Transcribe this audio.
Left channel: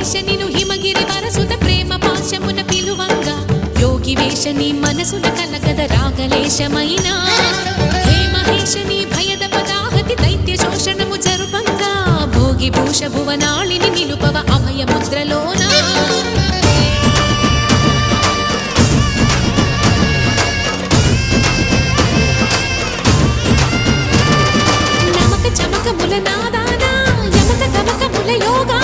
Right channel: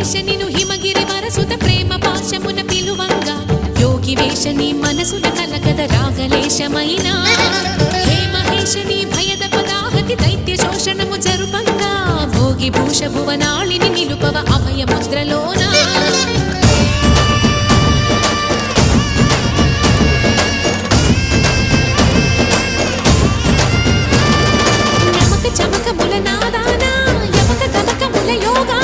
మహేశ నిను హిమగిరి వరసుత ప్రేమ పాశమున పిలువంగా యోగి వేష నీ మనసున కలకద రాగలేశమైనా హే మహేశ నీ భయద పదాహతి దైత్య శోషణము జరుపంగా భోగి భూష భువనాళిని నిలుపవ అభయ ముద్రలోనా చమకముల నాదానా యమక గమకముల యోగా